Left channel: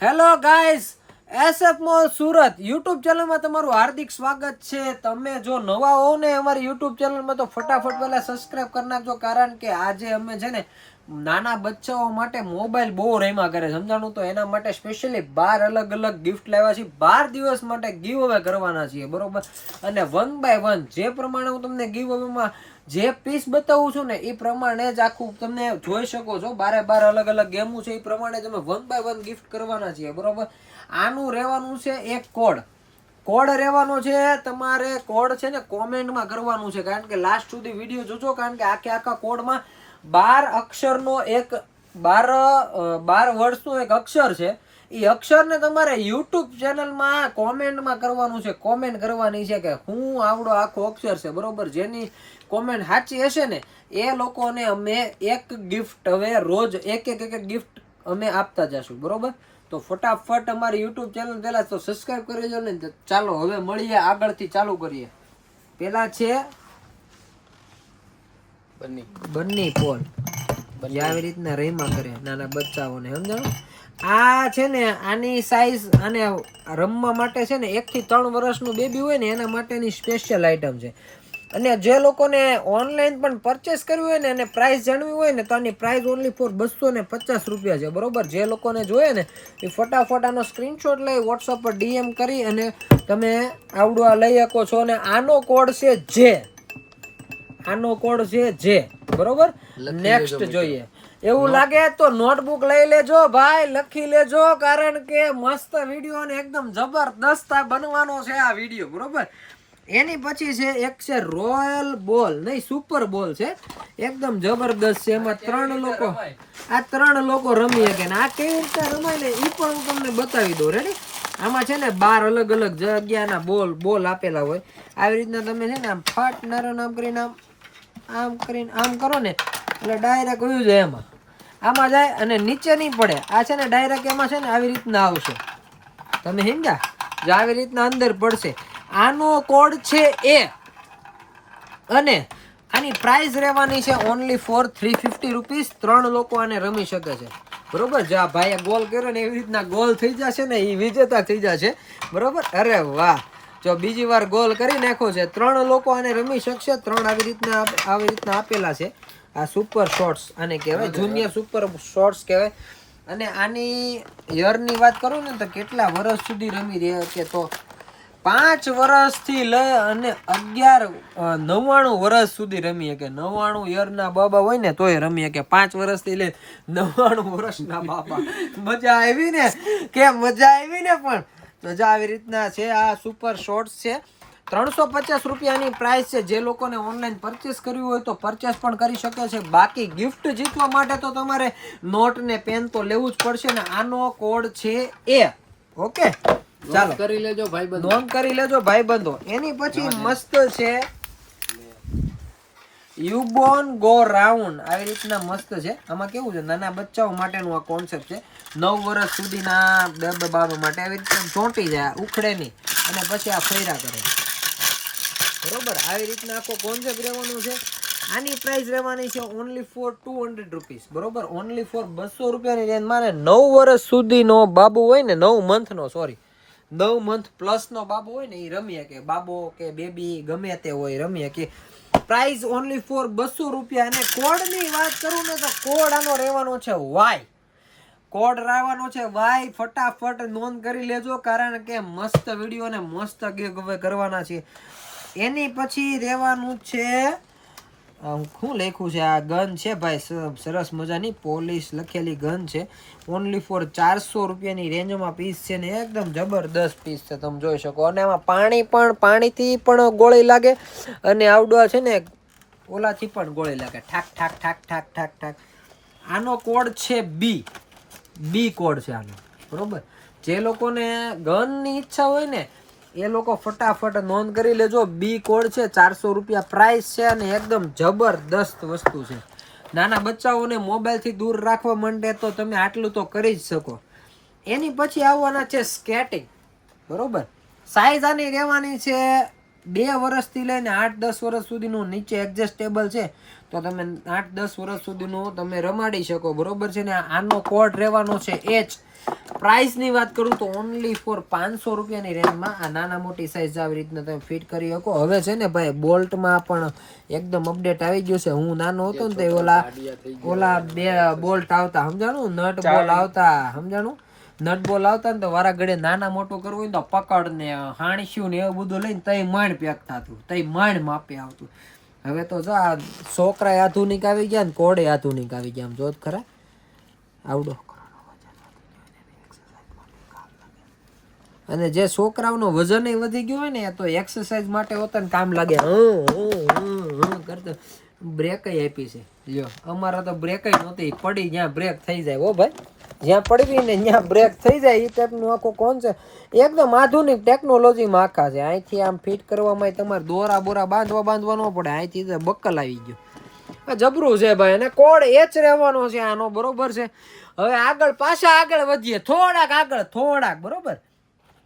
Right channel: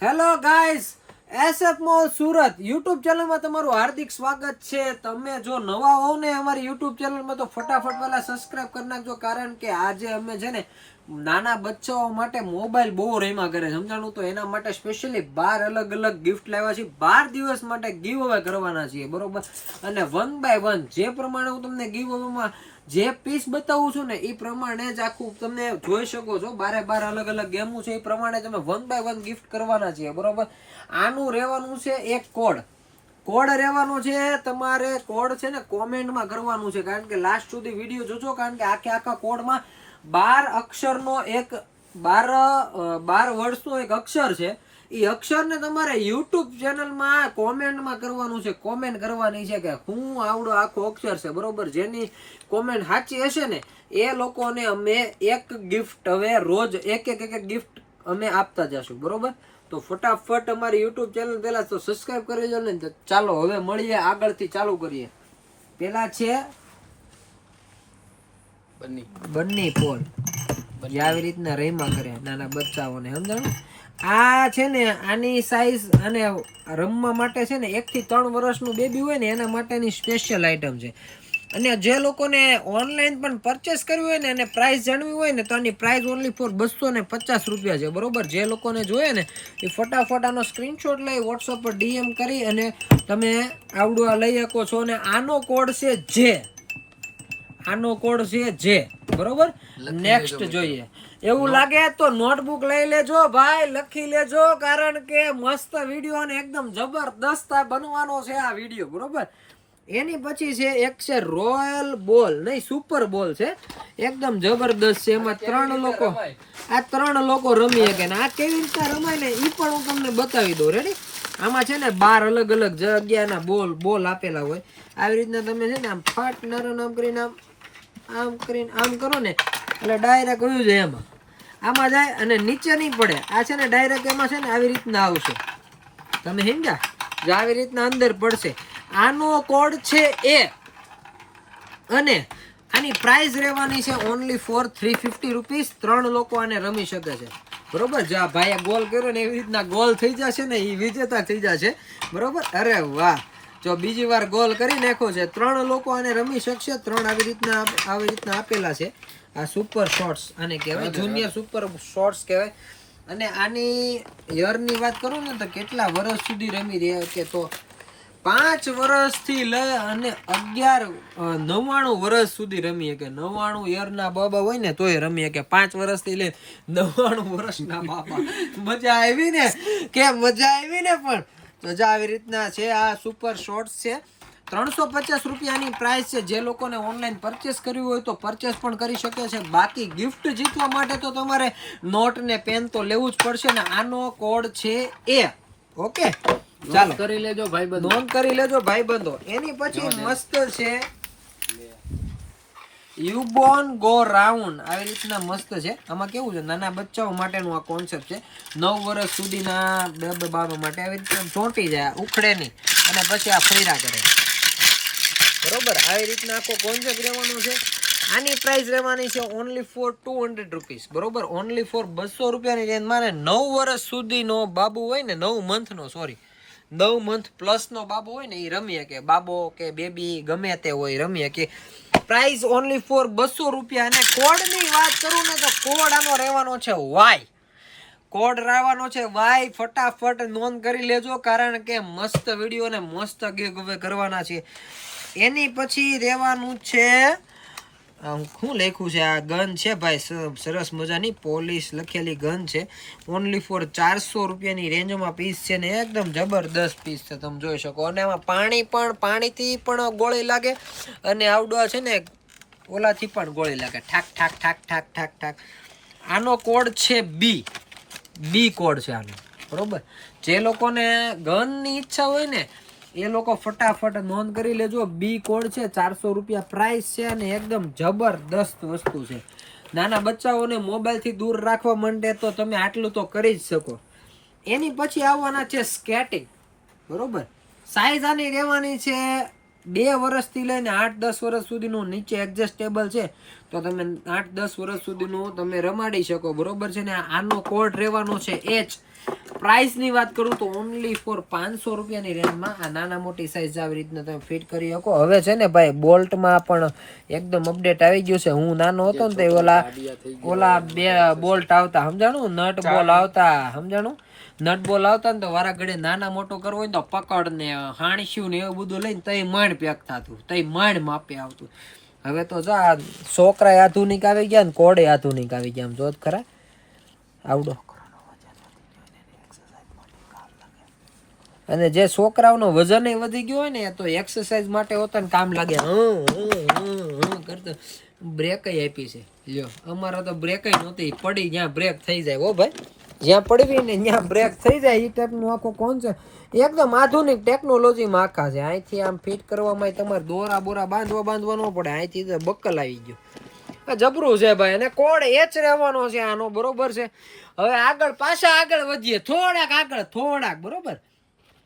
Hello guys, SF mall Surat YouTube ચેનલમાં તમારું હાર્દિક સ્વાગત છે. તમે જો નવા હો ને અમારી યુટ્યુબ ચેનલમાં તો ફટાફટ પહેલા સબસ્ક્રાઇબ કરી નાખજો, કારણ કે આજે અમે છે ને નાના બચ્ચાઓ માટે મોબાઈલ બહુ રમ્યા કરે સમજાણું, તો એના માટે સ્પેશિયલી 12 અલગ અલગ ગિફ્ટ લાવ્યા છીએ. 12 દિવસ માટે ગીવ અવે કરવાના છીએ, બરોબર. અને 1 બાય 1 જે પ્રમાણે હું તમને ગીવ અવેમાં જે પીસ બતાવું છું ને એ પ્રમાણે જ આખું તમે જોઈ શકો છો. 12 અલગ અલગ ગેમો છે, એ પ્રમાણે તમે 1 બાય 1 ગિફ્ટ કરવાના છીએ, બરોબર. આનું રહેવાનું છે એક કોડ રહેવાનો છે. તમારે કોડ છે ને કોમેન્ટમાં કરવાનું છે, કારણ કે લાસ્ટ સુધી વિડીયો જોજો, કારણ કે આખા કોડમાં 12 અક્ષરનો એક 12 વર્ડ્સનો એક અક્ષર છે. એ અક્ષરને તમારે યુટ્યુબ ચેનલમાં કોમેન્ટમાં કરવાનું છે. કોમેન્ટ કરવાની છે કે હું આવડો આખો અક્ષર છે, બરોબર. જેની કોમેન્ટ સાચી હશે ને એ લોકોને અમે એક ગિફ્ટ હવે રોજ એક ગિફ્ટ અમે આપતા જશું, બરોબર. તો ફટાફટ અમારી યુટ્યુબ ચેનલ પહેલા તો સબસ્ક્રાઇબ કરી દેજો ને. ચાલો હવે મળીએ, આગળથી ચાલુ કરીએ. પેલા છે બન્ની પોલ, આવી રીતના રેમાં કરે નાના બચ્ચાઓને, સમજાણું. આ છે ને આની સાઈઝ આને રમવા માટે છે ને 1 થી 3 વર્ષનું બેબી હોય ને એના માટેની સ્પેશિયલ આઈટમ છે. અને જે લોકોને ઓનલાઈન પણ પરચેસ કરવી હોય ને અને પ્રાઇસ જાણવી હોય ને તો આની પ્રાઇસ ઓનલી ફોર 250 રૂપિયા છે, બરોબર. જે લોકોને જોઈએ ને એ ફટાફટ આનો સ્ક્રીનશોટ લઈ વોટ્સઅપ પર DM કરી અને તમે આવડું આ લઈ શકો છો. અને આનો કોડ છે જે બરોબર. નેક્સ્ટ જોઈએ. એવું લાગે તો નોટબુક લઈ લેજો ભાઈ, લખી લેજો, કારણ કે મસ્ત વિડીયો અને એકદમ જબરદસ્ત બનવાનો છે આ વિડીયો, બરોબર. એની પછી છે એક છે રોયલ બોલ, નહીં સુપર બોલ છે, એકદમ જબરદસ્ત છે. એમાં 3 લોકો રમી શકે. આ કેવી રીતે રમાય ને એ પણ હું તમને બતાવી દઉં. રેડી? આમાં છે ને 12 અલગ અલગ જગ્યાના બોલ આપેલા હોય. આવી રીતના તમે છે ને આમ ફાટ નારો આમ કરીને આમ કરીને આમ કરો ને એટલે ડાયરેક્ટ વયું જાય એમાં, આમાં જાય અને નીચે નહીં પડે. આ છે ને ડાયરેક્ટ એમાં છે ને આવી રીતના આવશે, તમે સમજ્યા? જે આવી રીતના અંદર પડશે. આનો કોડ છે એ, અને આની પ્રાઇસ રહેવાની છે ઓનલી ફોર 350 રૂપીસ. 3 લોકો આને રમી શકે છે, બરોબર. જા ભાઈએ ગોલ કર્યો ને એવી રીતના ગોલ થઈ જશે ને એ વિજેતા થઈ જશે, બરોબર. અરે વાહ, જો બીજી વાર ગોલ કરી નાખ્યો છે. 3 લોકો આને રમી શકશે. 3 આવી રીતના આપેલા છે. આ સુપર શોર્ટ્સ આને કહેવાય, જુનિયર સુપર શોર્ટ્સ કહેવાય. અને આની યરની વાત કરું ને તો કેટલા વર્ષ સુધી રમી રહ્યા કે તો 5 વર્ષથી લઈ અને 99 વર્ષ સુધી રમી શકે. 99 યરના બાબા હોય ને તોય રમી શકે. 5 વર્ષથી લઈ 99 વર્ષના બાબા. મજા આવી ને કે મજા આવી ને. પણ મજા આવી રીતના છે. આ સુપર શોર્ટ્સ છે. 350 રૂપિયાની પ્રાઇસ છે. જે લોકોને ઓનલાઈન પરચેસ કરવી હોય તો પરચેસ પણ કરી શકે છે. બાકી ગિફ્ટ જીતવા માટે તો તમારે નોટ ને પેન તો લેવું જ પડશે ને. આનો કોડ છે એ, ઓકે. ચાલો કરી લેજો ભાઈબંધો, નોંધ કરી લેજો ભાઈબંધો. એની પછી મસ્ત છે યુબોન ગો રાઉન્ડ, આવી રીતના મસ્ત છે. આમાં કેવું છે, નાના બચ્ચાઓ માટેનું આ કોન્સેપ્ટ છે. 9 વર્ષ સુધીના બાબા માટે આવી રીતે ચોંટી જાય, ઉખડે નહીં, અને પછી આ ફેરા કરે, બરોબર. આવી રીતના આખો કોન્સેપ્ટ રહેવાનો છે. આની પ્રાઇસ રહેવાની છે ઓનલી ફોર 200 રૂપીસ, બરોબર. ઓનલી ફોર 200 રૂપિયાની રેન્જ. મારે 9 વર્ષ સુધીનો બાબુ હોય ને, 9 મંથનો, સોરી 9 મંથ પ્લસનો બાબો હોય ને એ રમી શકે. બાબો કે બેબી ગમે તે હોય રમી શકે. પ્રાઇસ ઓનલી ફોર 200 રૂપિયા. અને કોડની વાત કરું ને તો કોડ આનો રહેવાનો છે વાય. કોડ રહેવાનો છે વાય. ફટાફટ નોંધ કરી લેજો, કારણ કે મસ્ત વિડીયો ને મસ્ત ગીવ અવે કરવાના છે. એની પછી રહેવાનું છે શું લખ્યું છે, આ ગન છે ભાઈ, સરસ મજાની પોલીસ લખેલી ગન છે. ઓનલી ફોર 400 રૂપિયાની રેન્જમાં પીસ છે ને એકદમ જબરદસ્ત પીસ છે, તમે જોઈ શકો. અને આમાં પાણીથી પણ ગોળી લાગે, અને આવડવા છે ને ઓલાથી પણ ગોળી લાગે, ઠાક ઠાક ઠાક ઠાક ઠાક ઠાક. આનો કોડ છે બી કોડ છે આનો, બરોબર. જે લોકોને ગનની ઈચ્છા હોય ને એ લોકો ફટાફટ નોંધ કરી લેજો. બી કોડ છે, 400 રૂપિયા પ્રાઇસ છે, અને એકદમ જબરદસ્ત વસ્તુ છે. નાના બચ્ચાઓને મોબાઈલથી દૂર રાખવા માંડે તો તમે આટલું તો કરી જ શકો. એની પછી આવવાના છે સ્કેટિંગ, બરોબર. સાઈઝ આની રહેવાની છે 2 વર્ષથી લઈને 8-10 વર્ષ સુધીનું. નીચે એડજસ્ટેબલ છે, તો તમે 8-10 વર્ષ સુધીનું તમે રમાડી શકો, બરોબર છે ને. આનો કોડ રહેવાનો છે પ્રાઇસ ની વાત કરું તો ઓનલી ફોર 500 રૂપિયાની રેન્જમાં આ નાના મોટી સાઈઝ આવી રીતના તમે ફિટ કરી શકો. હવે છે ને ભાઈ બોલ્ટમાં પણ એકદમ અપડેટ આવી ગયું છે. હું નાનો હતો ને તો ઓલા બે બોલ્ટ આવતા, સમજાણું, નટ બોલ આવતા, સમજાણું, નટ બોલ આવતા ને તો વારા ઘડે નાના મોટો કરવો હોય ને તો પકડ ને હાણસ્યું ને એવું બધું લઈને તઈ માંડ પેક થતું, તઈ માંડ માપે આવતું. હવે તો જો આ છોકરા આધુનિક આવી ગયા ને કોડે આધુનિક આવી ગયા. આમ જોત ખરા આવડો. અને જે છોકરાઓનો વજન વધી ગયું હોય ને તો એક્સરસાઇઝ માટે હોતા ને કામ લાગે. કરતો બ્રેક આપી છે. લ્યો અમારા તો બ્રેક નહોતી, પડી જ્યાં બ્રેક થઈ જાય. ઓ ભાઈ, જ્યાં પડવી ને ત્યાં બ્રેક થઈ જાય એ ટાઈપનું આખું કોણ છે. એકદમ આધુનિક ટેકનોલોજીમાં આખા છે. અહીંથી આમ ફિટ કરવામાં તમારે દોરા બોરા બાંધવા ન પડે. અહીંથી બક્કલ આવી ગયો. જબરું છે ભાઈ. અને કોડ એ જ રહેવાનો છે આનો, બરોબર છે. હવે આગળ પાછા આગળ વધીએ, થોડાક બરોબર.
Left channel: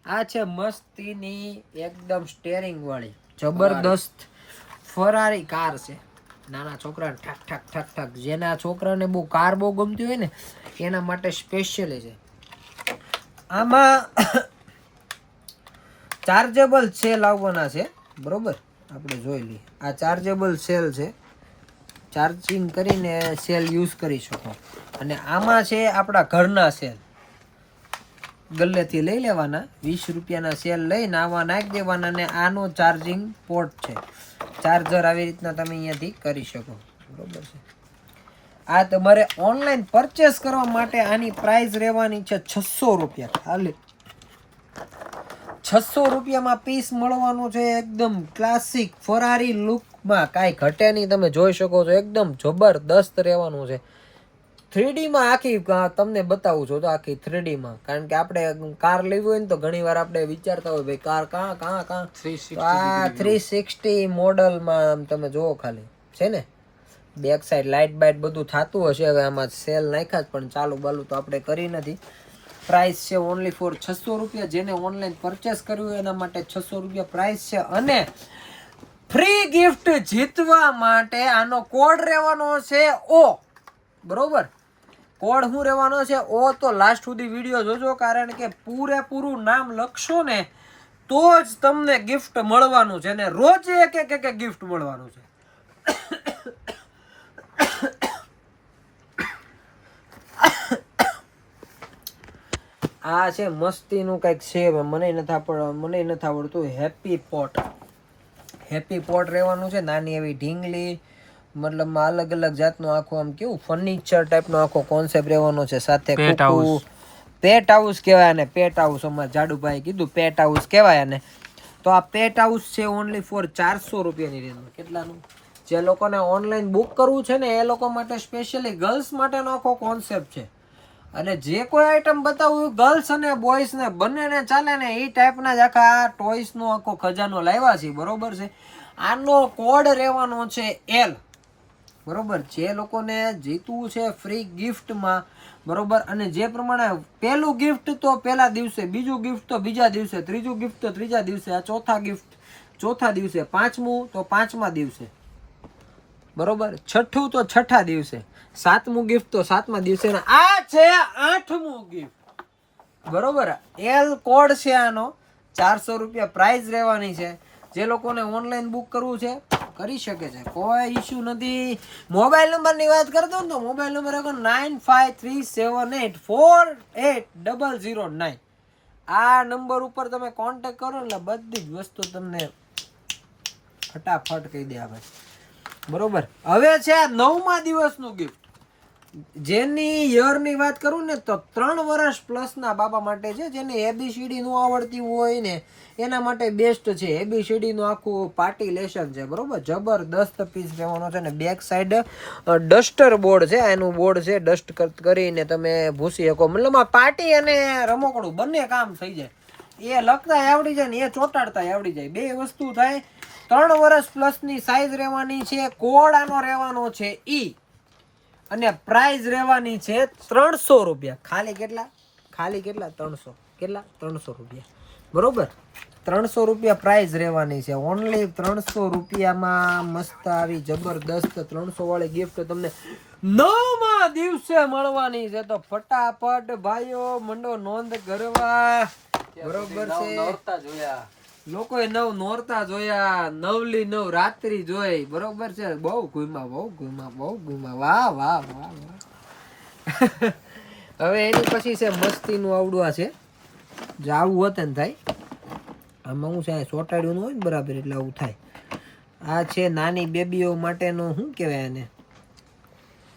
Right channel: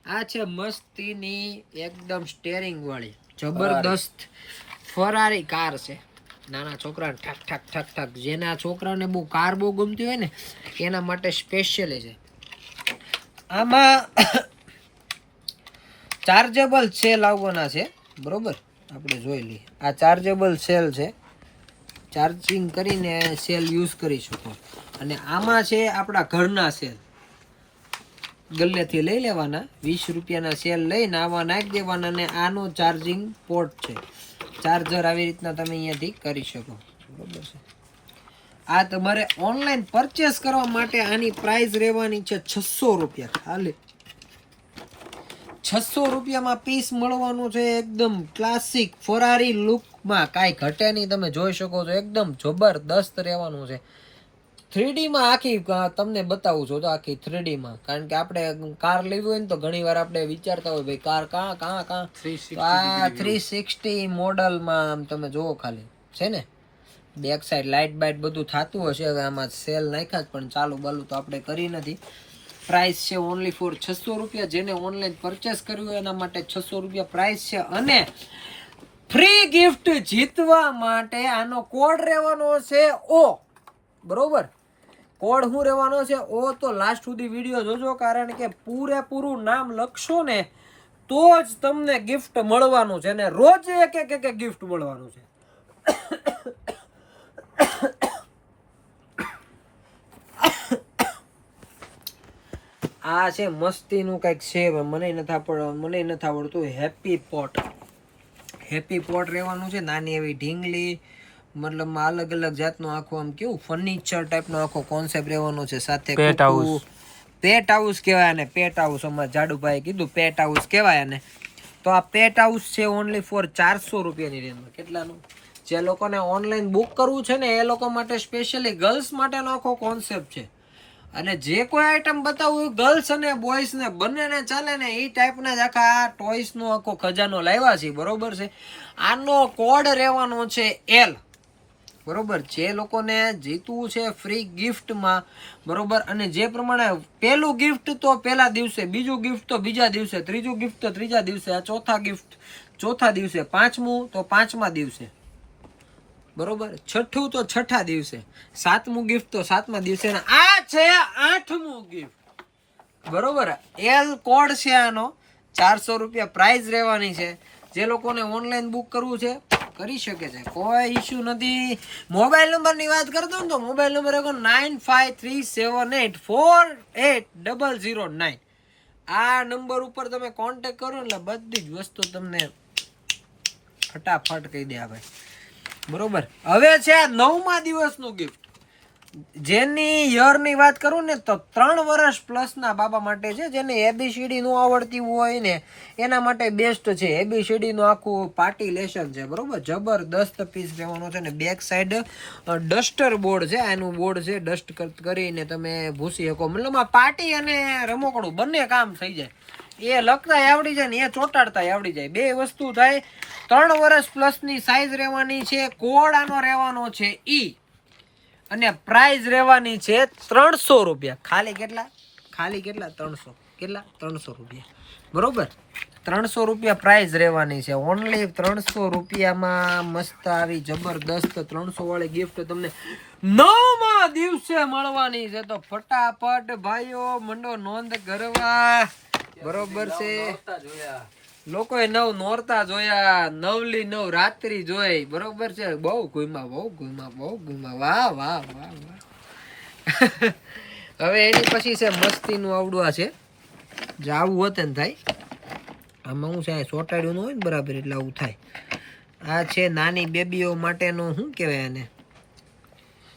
આ છે મસ્તીની એકદમ સ્ટેરિંગ વાળી જબરદસ્ત ફરારી કાર છે. નાના છોકરાને ઠક ઠક ઠક ઠક, જેના છોકરાને બહુ કાર બહુ ગમતી હોય ને એના માટે સ્પેશિયલી છે. આમાં ચાર્જેબલ સેલ આવવાના છે, બરોબર. આપણે જોઈ લઈએ. આ ચાર્જેબલ સેલ છે, ચાર્જિંગ કરીને સેલ યુઝ કરી શકો. અને આમાં છે આપણા ઘરના સેલ, ગલ્લેથી લઈ લેવાના. 20 રૂપિયાના સેલ લઈને આવા નાખી દેવાના. ને આનો ચાર્જિંગ પોર્ટ છે, ચાર્જર આવી રીતના તમે અહીંયાથી કરી શકો, બરોબર છે. આ તમારે ઓનલાઈન પરચેસ કરવા માટે આની પ્રાઇસ રહેવાની છે 600 રૂપિયા ખાલી. 600 રૂપિયામાં પીસ મળવાનું છે. એકદમ ક્લાસિક ફરારી લુકમાં, કાંઈ ઘટે નહીં. તમે જોઈ શકો છો એકદમ જબરદસ્ત રહેવાનું છે. 3D માં આખી તમને બતાવું છું તો આખી 3D માં. કારણ કે આપણે કાર લેવી હોય ને તો ઘણી વાર આપણે વિચારતા હોય ભાઈ કાર કાં 360 મોડલમાં તમે જોવો ખાલી છે ને બેક સાઈડ લાઇટ બાઇટ બધું થતું હશે. હવે આમાં સેલ નાખ્યા જ પણ ચાલુ બાલુ તો આપણે કરી નથી. પ્રાઇસ છે ઓનલી ફોર 600 રૂપિયા. જેને ઓનલાઈન પરચેસ કર્યું હોય એના માટે 600 રૂપિયા પ્રાઇસ છે. અને ફ્રી ગિફ્ટ જીતવા માટે આનો કોડ રહેવાનો છે O, બરોબર. કોડ શું રહેવાનો છે O. તો લાસ્ટ સુધી વિડીયો જોજો, કારણ કે પૂરેપૂરું નામ લખશો ને તો જ તમને ગિફ્ટ મળવાનું છે. ને રોજ એક ગિફ્ટ મળવાનું છે. આ છે મસ્તીનું કંઈક છે, મને નથી આવડતું. હેપી પોટ રહેવાનું છે. નાની એવી ઢીંગલી, મતલબમાં અલગ અલગ જાતનું આખું આમ કેવું ફર્નિચર ટાઈપનો આખો કોન્સેપ્ટ રહેવાનો છે. સાથે પેટ હાઉસ કહેવાય ને, પેટ હાઉસ અમારા જાડુભાઈ કીધું પેટ હાઉસ કહેવાય ને. તો આ પેટ હાઉસ છે ઓનલી ફોર 400 રૂપિયાની રેન્જમાં. કેટલાનું? જે લોકોને ઓનલાઈન બુક કરવું છે ને એ લોકો માટે સ્પેશિયલી ગર્લ્સ માટેનો આખો કોન્સેપ્ટ છે. અને જે કોઈ આઈટમ બતાવું ગર્લ્સ અને બોયઝ ને બંનેને ચાલે ને એ ટાઈપના જ આખા ટોયસનો આખો ખજાનો લાવ્યા છે, બરોબર છે. આનો કોડ રહેવાનો છે L, બરોબર. જે લોકોને જીતવું છે ફ્રી ગિફ્ટમાં, બરોબર. અને જે પ્રમાણે પહેલું ગિફ્ટ તો પહેલા દિવસે, બીજું ગિફ્ટ તો બીજા દિવસે, ત્રીજું ગિફ્ટ તો ત્રીજા દિવસે, આ ચોથા ગિફ્ટ ચોથા દિવસે, પાંચમું તો પાંચમા દિવસે, બરોબર. છઠ્ઠું તો છઠ્ઠા દિવસે, સાતમું ગિફ્ટ તો સાતમા દિવસે. આ છે આઠમું ગિફ્ટ, બરોબર. L કોડ છે આનો. 400 રૂપિયા પ્રાઇસ રહેવાની છે. જે લોકોને ઓનલાઈન બુક કરવું છે કરી શકે છે, કોઈ ઇશ્યુ નથી. મોબાઈલ નંબરની વાત કરતો ને તો મોબાઈલ નંબર 9537848009. આ નંબર ઉપર તમે કોન્ટેક્ટ કરો એટલે બધી જ વસ્તુ તમને ફટાફટ કહી દે ભાઈ, બરોબર. હવે છે 9મા દિવસનું ગિફ્ટ. જેની યરની વાત કરું ને તો 3 વર્ષ પ્લસના બાબા માટે છે. જેને ABCD નું આવડતી હોય ને એના માટે બેસ્ટ છે. ABCD નું આખું પાર્ટી લેશન છે, બરોબર. જબરદસ્ત પીસ રહેવાનો છે. ને બેક સાઈડ ડસ્ટર બોર્ડ છે, એનું બોર્ડ છે. ડસ્ટ કરીને તમે ભૂસી શકો. મતલબ આ પાર્ટી અને રમકડું બંને કામ થઈ જાય. એ લખતા આવડી જાય ને એ ચોટાડતા આવડી જાય, બે વસ્તુ થાય. 3 વર્ષ પ્લસની સાઈઝ રહેવાની છે. કોડ આનો રહેવાનો છે E. અને પ્રાઇસ રહેવાની છે 300 રૂપિયા. ખાલી કેટલા? 300. કેટલા? 300 રૂપિયા, બરોબર. 300 રૂપિયા પ્રાઇસ રહેવાની છે. ઓનલી 300 રૂપિયામાં મસ્ત આવી જબરદસ્ત 300 વાળી ગિફ્ટ તમને 9મા દિવસે મળવાની છે, તો ફટાફટ ભાઈઓ મંડો નોંધ કરવા. બરોબર છે, લોકોએ 9 નોરતા જોયા, 9લી 9 રાત્રિ જોઈ. બરોબર છે, બહુ ઘુમા. વાહ વાહ વાહ વાહ. હવે એની પછી છે મસ્તીનું આવડું આ છે, જે આવું હોતે ને થાય આમાં હું છે ચોટાડ્યું હોય ને બરાબર એટલે આવું થાય. આ છે નાની બેબીઓ માટેનું શું કહેવાય એને,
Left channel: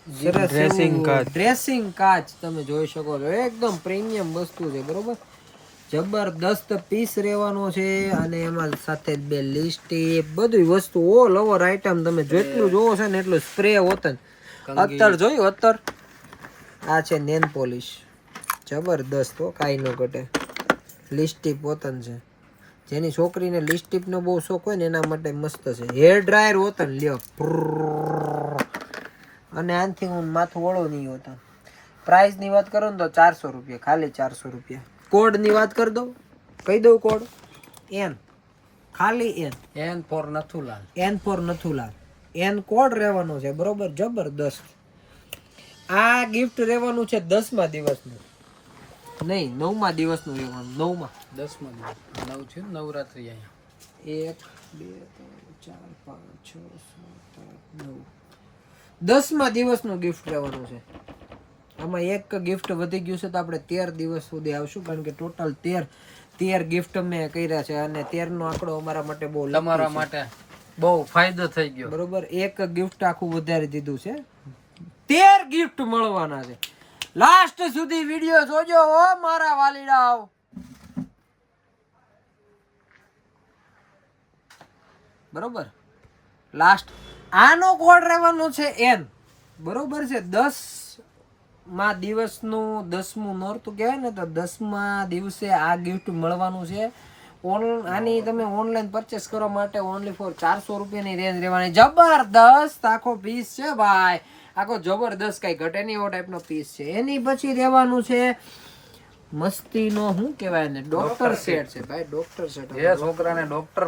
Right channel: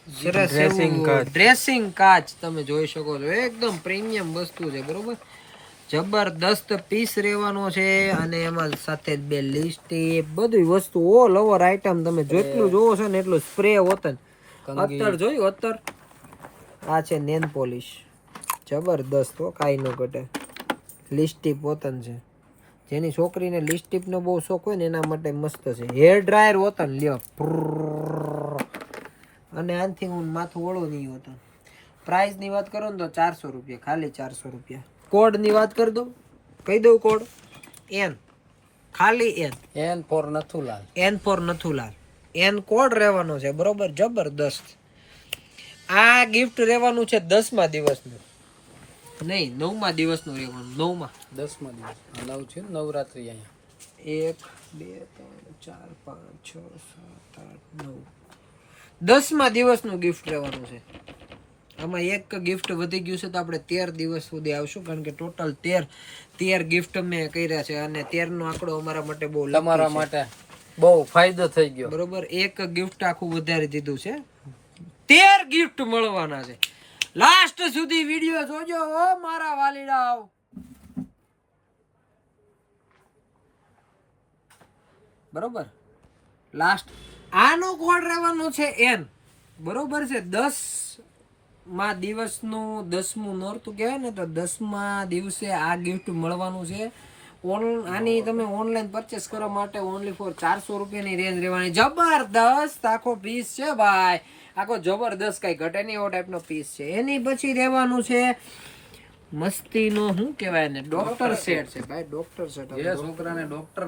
સરસ ડ્રેસિંગ કાચ. તમે જોઈ શકો છો, એકદમ પ્રીમિયમ વસ્તુ છે. બરોબર, જબરદસ્ત પીસ રહેવાનો છે, અને એમાં સાથે 2 લિપસ્ટિક, બધી વસ્તુ ઓલ ઓવર આઈટમ. તમે જેટલું જોવો છે ને એટલું સ્પ્રે હોતન. અત્તર જોયું અત્તર. આ છે નેલ પોલિશ, જબરદસ્ત હો, કાંઈ ન ઘટે. લિપસ્ટિક હોતન છે, જેની છોકરીને લિપસ્ટિક નો બહુ શોખ હોય ને એના માટે મસ્ત છે. હેર ડ્રાયર હોતન લ્યો, અને આનથી હું માથું ઓળું નહીં હોતા. પ્રાઇસ ની વાત કરો ને તો 400 રૂપિયા, ખાલી 400 રૂપિયા. કોડ ની વાત કરી દઉં, કહી દઉં કોડ N, ખાલી N for Nathulal. N code રહેવાનો છે. બરોબર, જબરદસ્ત. આ ગિફ્ટ રહેવાનું છે 10મા દિવસનું, નહીં 9મા દિવસનું રહેવાનું. 9મા 10મા દિવસ 9 છે નવરાત્રી. અહીંયા 1 2 3 4 5 6 7 8 9, 10મા દિવસનું ગિફ્ટ રહેવાનું છે. આમાં એક ગિફ્ટ વધી ગયું છે, તો આપણે 13 દિવસ સુધી આવશું, કારણ કે ટોટલ 13 ગિફ્ટ મેં કર્યા છે, અને 13 નો આંકડો અમારા માટે બહુ, તમારા માટે બહુ ફાયદો થઈ ગયો. બરોબર, એક ગિફ્ટ આખું વધારી દીધું છે. 13 ગિફ્ટ મળવાના છે. લાસ્ટ સુધી વિડિયો જોજો ઓ મારા વાલીડાઓ. બરોબર, લાસ્ટ આનો કોડ રહેવાનો છે N. બરોબર છે, 10મા દિવસનું 10મું નોરતું કહેવાય ને, તો 10મા દિવસે આ ગિફ્ટ મળવાનું છે. આની તમે ઓનલાઈન પરચેસ કરવા માટે ઓનલી ફોર 400 રૂપિયાની રેન્જ રહેવાની. જબરદસ્ત આખો પીસ છે ભાઈ, આખો જબરદસ્ત, કઈ ઘટે નહીં એવો ટાઈપનો પીસ છે. એની પછી રહેવાનું છે મસ્તીનો શું કહેવાય ને, ડોક્ટર સેટ છે ભાઈ. ડોક્ટર સેટ, જે છોકરાને ડોક્ટર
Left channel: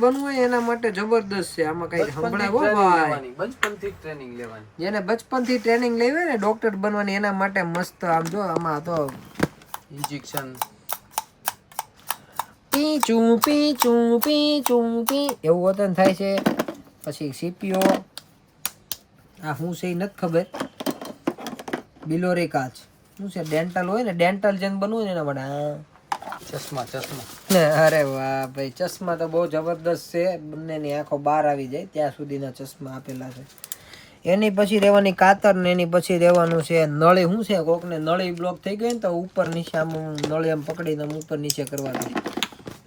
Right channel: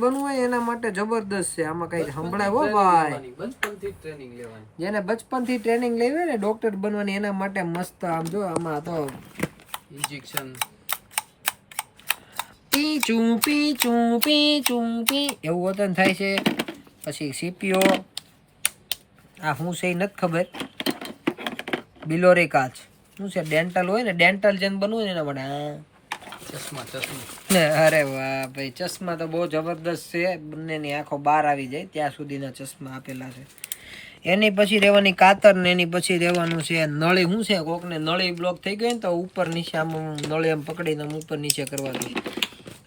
બનવું હોય એના માટે જબરદસ્ત છે. આમાં કઈ સંભળાય હો ભાઈ, બચપનથી ટ્રેનિંગ લેવાની. જેને બચપનથી ટ્રેનિંગ લેવી હોય ને ડોક્ટર બનવાની, એના માટે મસ્ત. આમ જો, આમાં તો ઇન્જેક્શન એવું વતન થાય છે. પછી સીપીઓ, આ શું છે એ નથી ખબર. બિલોરી કાચ શું છે, ડેન્ટલ હોય ને, ડેન્ટલ જેમ બનવું ને એના માટે. ચશ્મા. અરે વાહ ભાઈ, ચશ્મા તો બહુ જબરદસ્ત છે. બંનેની આંખો બહાર આવી જાય ત્યાં સુધીના ચશ્મા આપેલા છે. એની પછી રહેવાની કાતર, ને એની પછી રહેવાનું છે નળી. શું છે, કોકને નળી બ્લોક થઈ ગઈ ને તો ઉપર નીચે આમ નળી આમ પકડીને આમ ઉપર નીચે કરવાની.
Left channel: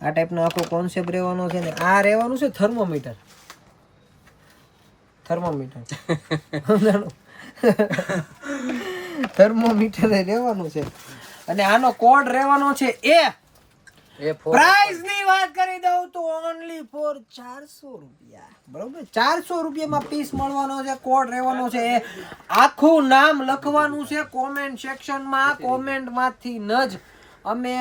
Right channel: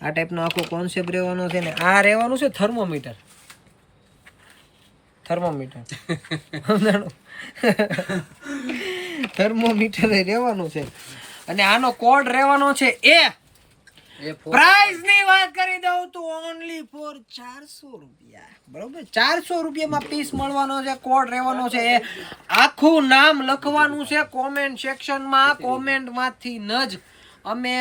આ ટાઈપનો આખો કોન્સેપ્ટ રહેવાનો છે. ને આ રહેવાનું છે થર્મોમીટર. થર્મોમીટર રહેવાનું છે. અને આનો કોડ રહેવાનો છે A. પ્રાઇસ ની વાત કરી દઉં તો ઓનલી ફોર 400 રૂપિયા. બરોબર, 400 રૂપિયામાં પીસ મળવાનો છે. કોડ રહેવાનો છે A. આખું નામ લખવાનું છે કોમેન્ટ સેક્શનમાં. કોમેન્ટમાંથી ન જ અમે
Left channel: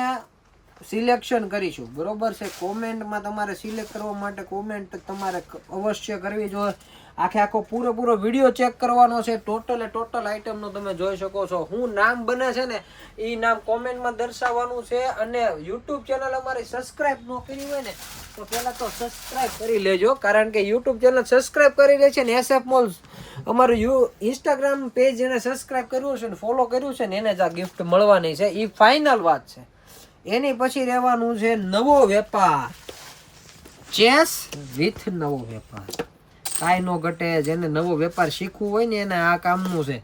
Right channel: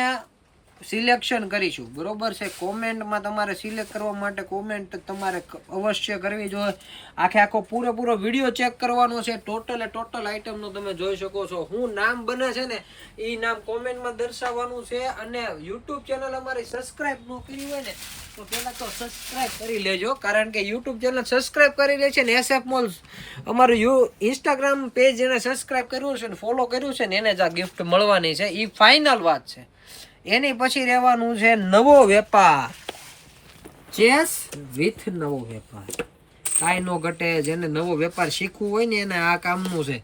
સિલેક્શન કરીશું. બરોબર છે, કોમેન્ટમાં તમારે સિલેક્ટ કરવા માટે કોમેન્ટ તમારે અવશ્ય કરવી જોઈએ. આખો પૂરેપૂરો વિડીયો ચેક કરવાનો છે. ટોટલ આઈટમનો તમે જોઈ શકો છો. શું નામ બને છે ને એ નામ કોમેન્ટમાં દર્શાવવાનું છે. અને યુટ્યુબ ચેનલ અમારી સબસ્ક્રાઇબ ન કરી હોય ને તો પહેલા તો સબસ્ક્રાઇબ કરી લેજો, કારણ કે યુટ્યુબ ચેનલ સબસ્ક્રાઇબ કરી લે છે ને SF મોલ્સ અમારું ઇન્સ્ટાગ્રામ પેજ જેને સબસ્ક્રાઇબ કર્યું છે ને ફોલો કર્યું છે ને એને જ આ ગિફ્ટ મળવાની છે. એ ફાઇનલ વાત છે. એની પછી રહેવાનું છે નવો વેપાર, ચેસ વિથ નવો વેપાર. કાંઈ નો ઘટે. જેને નવો વેપાર શીખવું હોય ને એને આ કામનું છે.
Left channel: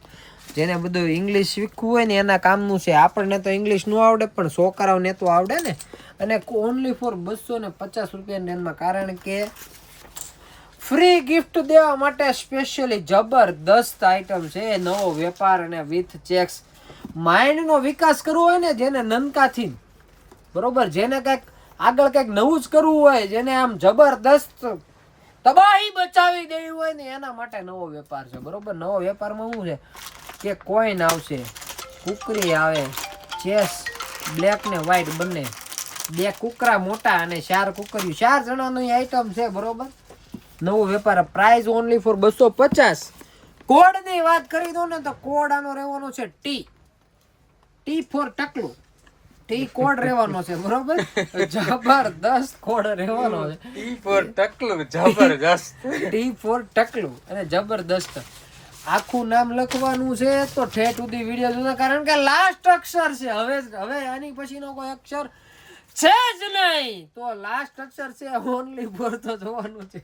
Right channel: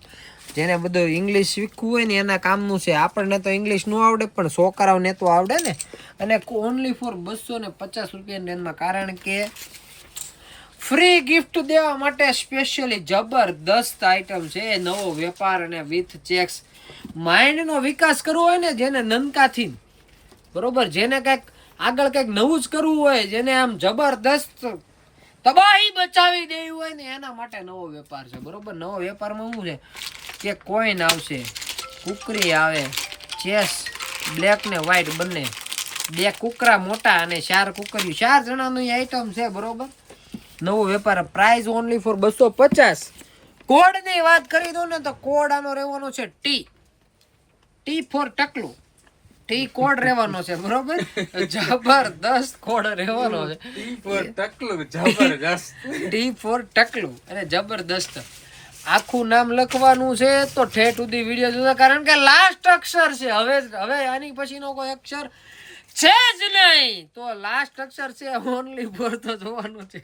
જેને બધું ઇંગ્લિશ શીખવું હોય ને એના કામનું છે. આપણને તો ઇંગ્લિશ ન આવડે, પણ છોકરાઓને તો આવડે ને. અને ઓનલી ફોર 250 રૂપિયાની રેન્જમાં, કારણ કે ફ્રી ગિફ્ટ દેવા માટે સ્પેશિયલી જબરદસ્ત આઈટમ છે. નવો વેપાર અને વિથ ચેક્સ. માઇન્ડનો વિકાસ કરવો હોય ને જેને નનકાથી, બરોબર, જેને કંઈક આગળ કંઈક નવું જ કરવું હોય, જેને આમ જબરદસ્ત તબાહી બચાવી દેવી હોય ને એના માટે નવો વેપાર છે. બરોબર, નવો વેપારમાં શું છે કે કોઈન આવશે, કુકરી આવે, ચેસ બ્લેક ને વ્હાઈટ બંને, 2 કુકરા મોટા અને 4 કુકરીઓ, 4 જણાની આઈટમ છે. બરોબર, નવો વેપાર. Price only for 250. કોડ ની વાત કરી દો ને તો કોડ આનો રહેવાનો છે ટી ફોર ટકલું. ટી કોડ રહેવાનો છે બરોબર. જબરદસ્ત કોડ રહેવાનો છે ટી ફોર ટકલું અને જબરદસ્ત. આખું નામ લખવાનું છે તો ઠેઠ સુધી વિડીયો જોતા, કારણ કે લાસ્ટ અક્ષર છે. હવે આની પછીનો કોઈ અક્ષર છે જ નહીં, તો લાસ્ટ અક્ષર છે ઓનલી ફોર તો જોવાનું છે.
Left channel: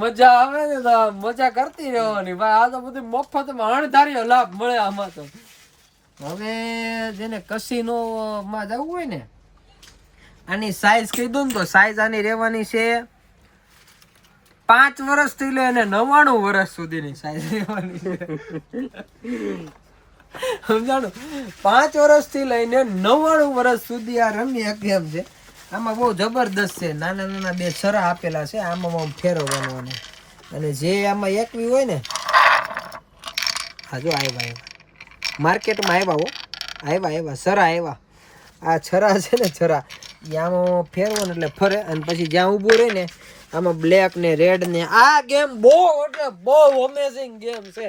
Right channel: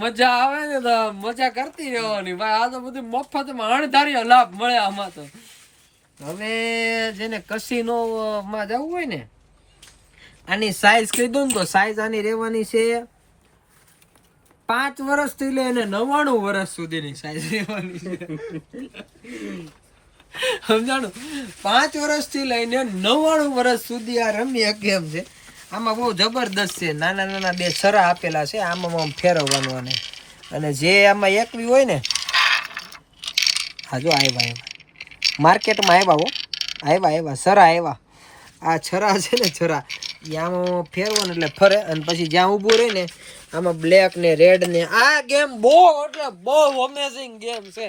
મજા આવે ને તો મજા કરતી રહેવાની ભાઈ. આ તો બધું મફતમાં અણધાર્યો લાભ મળે આમાં તો. હવે જેને કસીનો માં જવું હોય ને, આની સાઈઝ કહી દઉં ને તો સાઈઝ આની રહેવાની છે 5 વર્ષથી લઈને 99 વર્ષ સુધીની સાઈઝ રહેવાની છે. સમજાણું? 5 વર્ષથી લઈને 99 વર્ષ સુધી આ રમી શકે એમ છે. આમાં બહુ જબરદસ્ત છે. નાના નાના 2 સરા આપેલા છે, આમાં ફેરવવાનું. અને જે આમાં એકવી હોય ને, હા જો આવ્યા માર્કેટમાં આવ્યા સરા આવ્યા. આ છરા છે ને, છરા એ આમાં ફેરવો ને એટલે ફરે, અને પછી જ્યાં ઊભું રહે ને આમાં બ્લેક ને રેડ ને. આ ગેમ બહુ એટલે બહુ અમેઝિંગ ગેમ છે.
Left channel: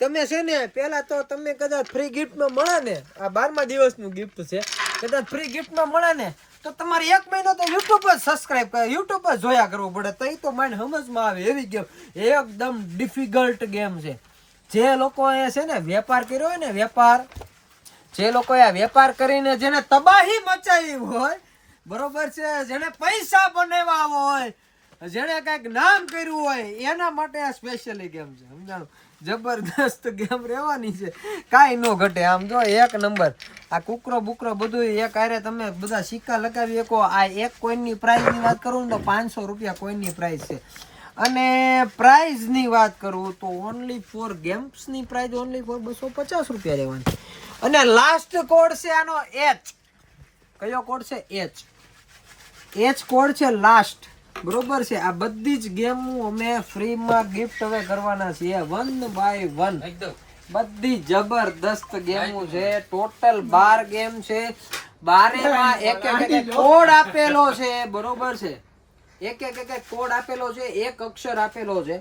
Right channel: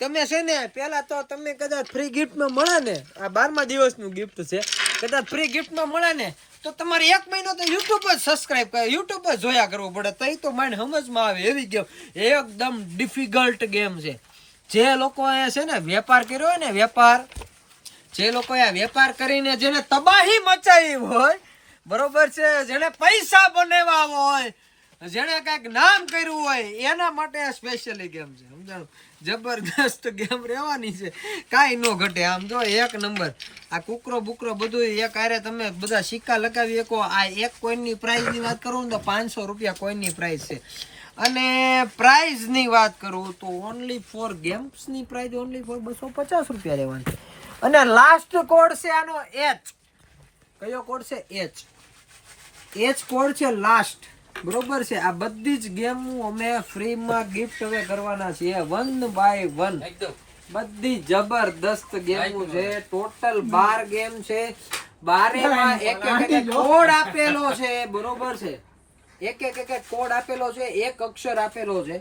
તમે છે ને પેલા તો તમને કદાચ ફ્રી ગિફ્ટમાં મળે ને, આ 12મા દિવસનું ગિફ્ટ છે, કદાચ ફ્રી ગિફ્ટમાં મળે ને તો તમારે 1 મહિનો તો યુટ્યુબ જ સબસ્ક્રાઇબ કરે, યુટ્યુબ જ જોયા કરવું પડે. તો એ તો મને સમજમાં આવે એવી ગેમ. એકદમ ડિફિકલ્ટ ગેમ છે. જે લોકોએ છે ને વેપાર કર્યો હોય ને, જે લોકોએ વેપાર કરીને જેને તબાહી મચાવી હોય બરોબર છે, જેને પૈસા બનાવ્યા હોય, જેને કઈક નામ કર્યું હોય, એના માટે આ સ્પેશિયલી ગેમ છે. સમજાણું? જબરદસ્ત ગેમ રહેવાની છે, કાંઈ ન ઘટે. આમ જો 1 નંબર. આ કુકરો બુકરો બધું એક આરે તમે બધા સિક્કા લગાવી શકો. આ એક કોઈનની પ્રાઇઝની વાત કરું ને તો 500 રૂપિયા કોઈનની પ્રાઇઝ છે. અને પ્રાઇઝની વાત કરું તો ઓનલી ફોર ગેમ્સની પ્રાઇઝ ઓનલી ફોર 250 રૂપિયા રહેવાની. અને લાસ્ટ કોડ છે આનો H. કયો કોડ છે? H કોડ છે લાસ્ટ. બરોબર છે. આ બધી જ ગેમ અમે ફ્રીમાં ગિફ્ટ હવે કરવાના છીએ 1 બાય 1. બધી જબરદસ્ત ગેમો છે. ટોટલ 12 ગેમ છે. 12માં એક કોડ આપેલો છે. બરોબર છે. એક કોડ આપેલો છે, એક અક્ષર આપેલો છે.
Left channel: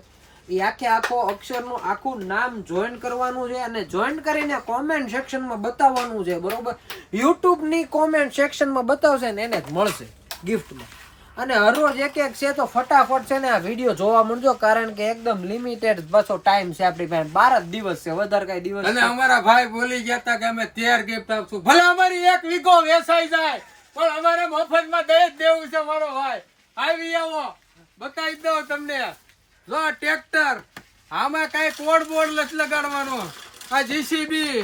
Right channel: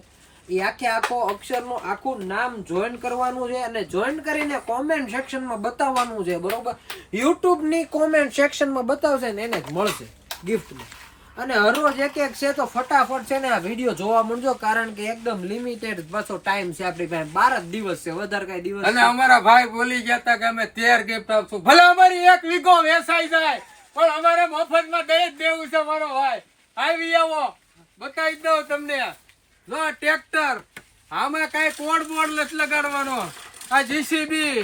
એ આખો અક્ષરનું આખું નામ જોઈન કરવાનું છે અને જોઈન કરીને કોમેન્ટ સેક્શનમાં બતાવવાનું છે. બરોબર? યુટ્યુબની કોમેન્ટ સેક્શનમાં બતાવશે ને એને જ મળશે ગિફ્ટમાં. અને હરરોજ એક છે તો ફટાફટ છે ને આ વિડીયો જોવા મળજો, કારણ કે એકદમ લિમિટેડ પાછો ટાઈમ છે આપણી પાસે. 12 જ દિવસ છે, વધારે કઈ દિવસ. અને અમારા ભાઈ બોલી ગયા હતા કે અમે 13 ગિફ્ટ આપશું. ભલે અમારી 1 વીઘો વેચાઈ જાય પણ અમારે મફતમાં દઈ જ દેવું છે. મારો ભાઈ આવી આવો, બતાવી દઉં તમને. જો ટ્રેક્ટર, આમાં કઈ કોડ બોર્ડ નથી લગાડવાનો. આ જીસીબી,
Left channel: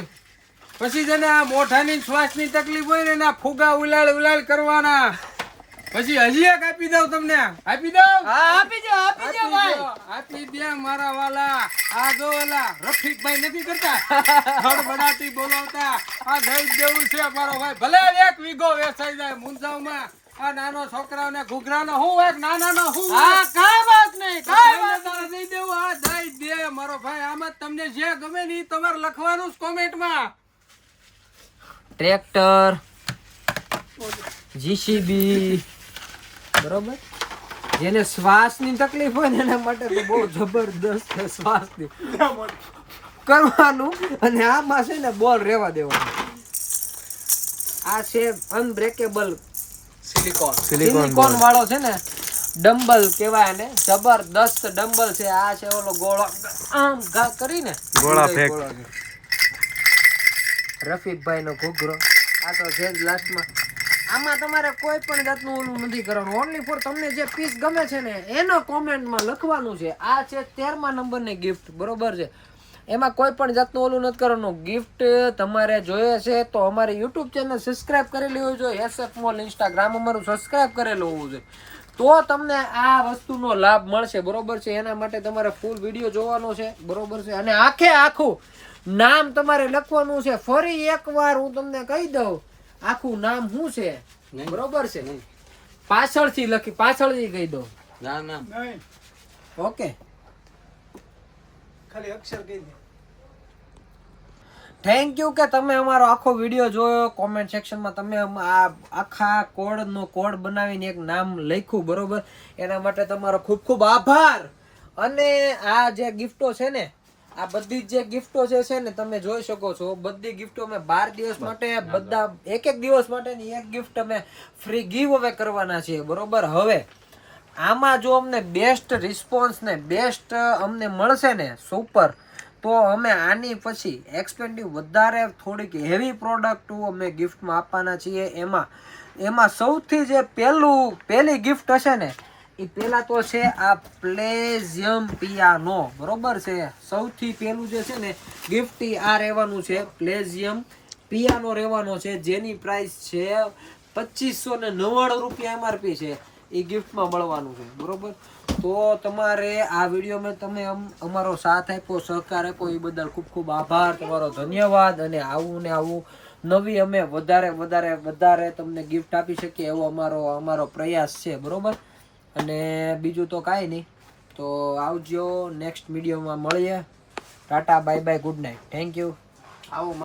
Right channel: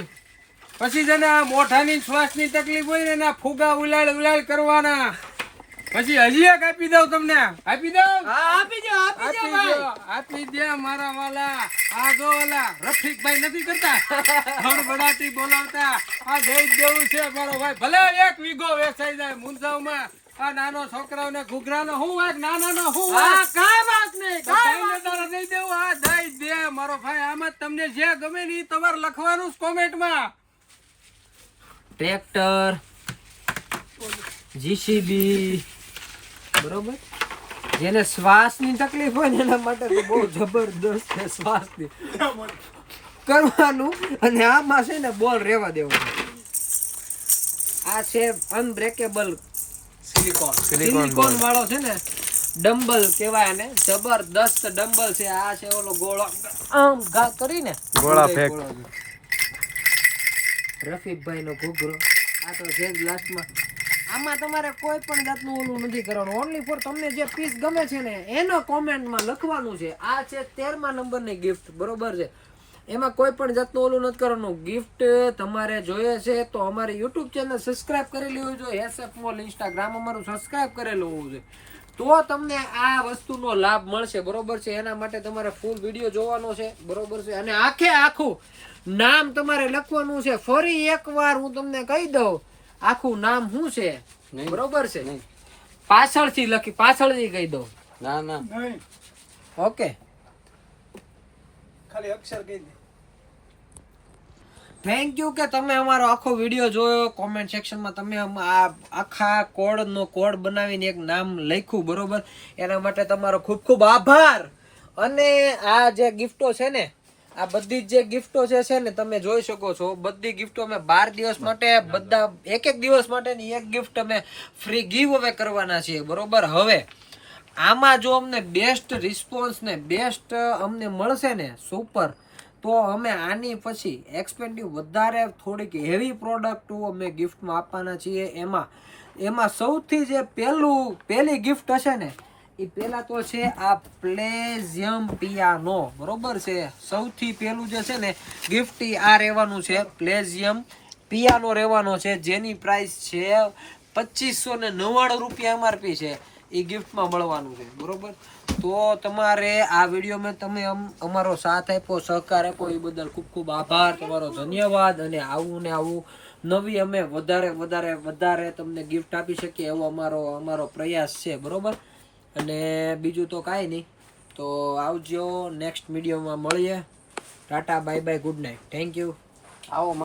પછી જેને આ મોઢાની શ્વાસની તકલીફ હોય ને એના ફુગા ઉલાળ કરવાના. પછી હજી એક આપી દઉં તમને. આપી દઉં? આપી દે મારા વાલા. આ જો વાલા રફીકભાઈ નથી કરતા હડબડાટી બોલાવતા, આ દઈ દેવું છે મારો ભાઈ. ભલે 1 વીઘો વેચાઈ જાય મુંજાવમાં. આ નાનો છોકરાઓને ઘૂઘરાનો હું વાત, નાનાનો હું વાત, કાઈ વાત નહીં. તારા દઈ દેવું. આ દઈ દે મારો ભાઈ. આમ જ તમને જે ગમે ને તમારે લખવાનું કોમેન્ટમાં. ટ્રેક્ટર, જીસીબી, બરોબર. જેને શ્વાસની તકલીફ હોય ને એના માટે તો બહુ જબરદસ્ત છે. શ્વાસની કરવાનું. અને આમાં છે ને બોલ રહેવા દેવાનો. આ છે અનબ્રેકેબલ સિલિકોન વાળો છે ને ડમ્બલ કહેવાય ને. જબરદસ્ત ડમ્બલ છે. આ છે ઓલો ગોળો આમ ઘા કરીને ગોળા ફેંક. રફીકભાઈ નો ઘૂઘરો. આ તો છે જ લાસ્ટમાં. આમાં તમારે કોઈ પણ જાતનું ઓલું નથી કરવાનું. ઓનલી ફોર તમને જે પીસ ગમે છે ને એનો કોમેન્ટમાં લખવાનું છે. આ છે 13મા નંબરની ગિફ્ટ. બરોબર છે? એમાં કોઈ પણ જાતનું ઓલું નથી કરવાનું. ગિફ્ટ તમારે જોઈએ છે તો અમારી યુટ્યુબ ચેનલ સબસ્ક્રાઇબ કરેલી હોવી જોઈએ. SF મોલ ઇન્સ્ટાગ્રામ અમારું સબસ્ક્રાઇબ કરેલું હોવું જોઈએ, તો તમને આ વસ્તુનો લાભ મળશે. બરોબર છે? એના માટે તમારે ફૂલ વિડીયો જોવાનો છે. બરોબર છે? અને આખું નામ તમારે લખવાનું છે. ફરી એકવાર હું તમને કહી દઉં આખું નામ શું છે. બરોબર છે? પાછળથી કહી દો. ના ઓકે, ખાલી અક્ષર કહી દો. થેન્ક યુ કે તમે અમારો આખો વિડીયો જોયો. કોમેન્ટ સેક્શનમાં તમે આ આખા કોડ બનાવીને એક નામ લખ્યું. બરોબર? એના માટે તમારો ખૂબ ખૂબ આભાર. અને આ જે ગિફ્ટો છે ને, આ બધી જે ગિફ્ટો છે ને તમે જોઈ શકો છો, બધી ગિફ્ટો અમે 12 દિવસ માટે બધા એક દિવસ માટેની એક ગિફ્ટ અમે ફ્રી ગીવ અવે કરવાના છીએ, બરોબર. હવે આમાં જો અમને બેસ્ટ રિસ્પોન્સ ને બેસ્ટ અમને મળશે ને સુપર, તો અમે આની પછી એક્સપેન્ડિવ વધારે થોડીક હેવી પ્રોડક્ટ અમે ગિફ્ટમાં આપવાના છીએ. એમાં સૌથી જે પહેલી ગિફ્ટ હશે ને, એ પહેલા તો છે આ પ્લેઝિયમ પિયાનો, બરોબર છે. સૌથી પહેલું જે છે ને ગિફ્ટ આ રહેવાનું છે, પ્લેઝિયમ પિયાનો રહેવાનો છે, જેની પ્રાઇસ છે 2599 રૂપિયા MRP છે. એ ગિફ્ટમાં મળવાનું છે, બરોબર. તો તમારે આ વિડીયોમાં તમે અમારો સાથ આપ્યો, સહકાર આપ્યો, એ બદલ ખૂબ ખૂબ આભાર, તમારો ધન્યવાદ. અને આવું ને આવું નવી અમે વધારે તમને ગિફ્ટ આપી શકીએ એવો અમારો પ્રયાસ છે, બરોબર. અને બીજું તો કાંઈ નહીં, તો આવજો, નેક્સ્ટ વિડીયોમાં મળીએ. Tata, bye bye, good night, thank you. આવો.